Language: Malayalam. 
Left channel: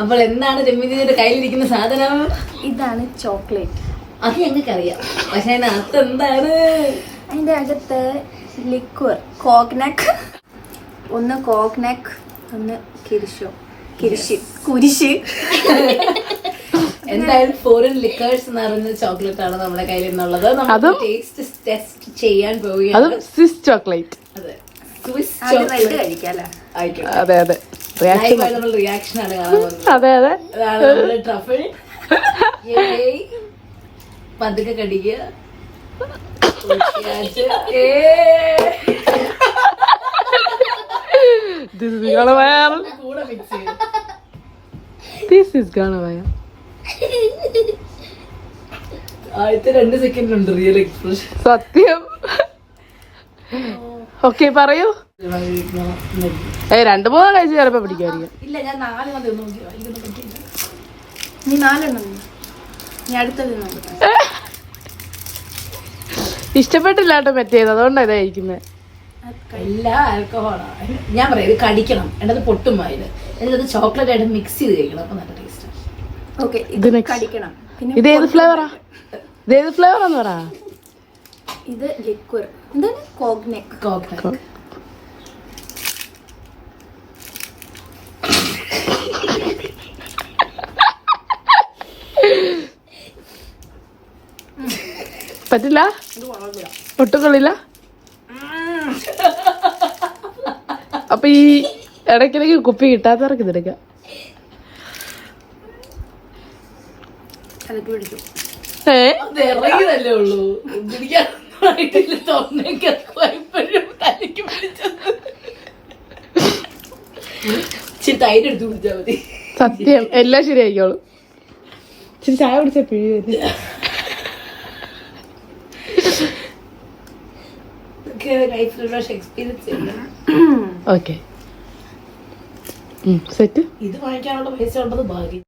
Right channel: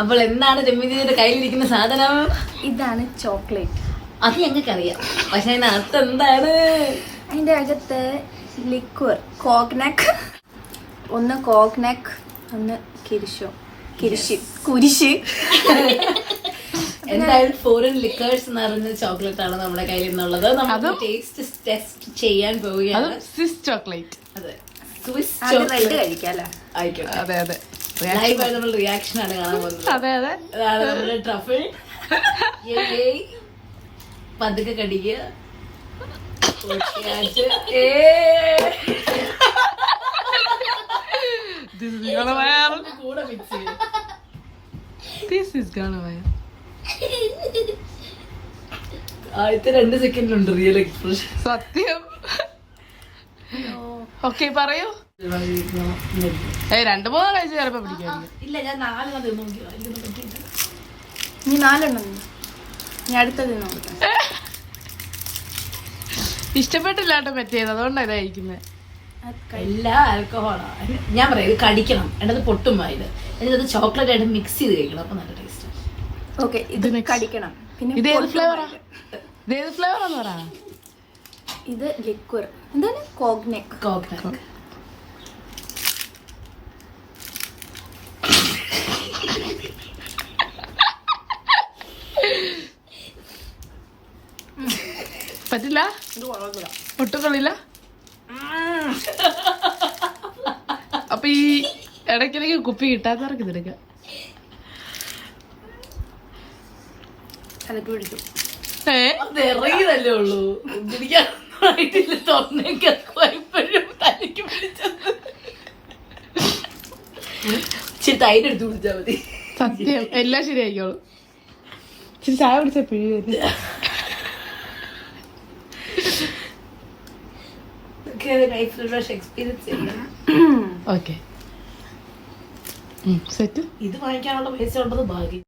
അപ്പോൾ എന്താണ് രമ്യജിയുടെ കയ്യിലിരിക്കുന്ന സാധനം? ഇതാണ് ചോക്ലേറ്റ്. അത് ഞങ്ങൾക്കറിയാം, പക്ഷെ അതിനകത്ത് എന്താണ്? അതിന്റെ അകത്ത് ലിക്വർ കോഗ്നക്, ഒന്ന് കോഗ്നക്, ഒന്ന് കുരിശ്. എന്തായാലും ഫോറിൻ ലിക്കേഴ്സ് നിറഞ്ഞ ചോക്ലേറ്റ് ആണ് നമ്മുടെ കയ്യിൽ നിന്നുള്ളത്. നമ്മൾ ടേസ്റ്റ് ടെസ്റ്റ് ചെയ്യാൻ പോവുകയാണ്. Swiss chocolate. അതെ, സ്വിസ് ചോക്ലേറ്റ് കഴിക്കാലോ. ആയിക്കോട്ടെ. അതെ അതെ, ലൈവായി നമ്മൾ റിയാക്ഷൻ ആണ് കാണാൻ പോകുന്നത്. അതെ അതെ, അതാണ് നമ്മുടെ ട്രഫിൾ. പതുക്കെ കടിക്കുക. കൂടെ മിക്സ് ചെയ്യും. ആദ്യത്തെ 2 സെക്കൻഡിലുണ്ട് റിയൽ എക്സ്പ്രഷൻ. സത്യം. ഓക്കെ പറയൂ. 2-3 കഴിച്ച് ചിലപ്പോ പിടിക്കായിരിക്കും. ഇല്ല, ഞാൻ 4 നോക്കി. നീ 4 നീ അടുത്തത് നോക്കാം. ഇഷ്ടപ്പെട്ടില്ല കേട്ടോ പറ്റിയത്, അതുകൊണ്ടാണ് ഇത് കഴിക്കുന്നത്. എല്ലാ ആൽക്കഹോളാണ്. ഞാൻ പറയാം, ഇത് കടിക്കണം, എന്നത് പൊട്ടും വായില്. എന്നിട്ട് ചോക്ലേറ്റ് ആയിട്ട് മിക്സ് ചെയ്ത് കഴിക്കണം, അപ്പൊ നല്ല ടേസ്റ്റ്. ഓക്കെ, ഇത് കടിക്കണം. പിന്നെ ഇത് ഏത് ഫ്ലേവറാ? ഇതേത് ഫ്ലേവറാന്ന് പറ. ഇത് ലിക്വർ. എന്താണ്? കോഗ്നക്. പറ്റില്ല, ഒട്ടും കൊള്ളില്ല. അപ്പൊ ഈ ഇടയ്ക്കിടയ്ക്ക് കുപ്പി കിട്ടാത്തവർക്ക് ഇതെടുക്കാം. ഇറങ്ങിയതല്ലേ ഉള്ളൂ, ഇച്ചിരി തൈര് എടുത്ത് കുടിച്ചാൽ മതി. സത്യം, എല്ലാം ശരിയായിക്കോളും. ഇച്ചിരി ചായ കുടിച്ച പിഴി. Okay, set. ഇത് വാങ്ങിക്കാനുള്ള പൈസ ഉള്ളത് ഭാഗ്യം.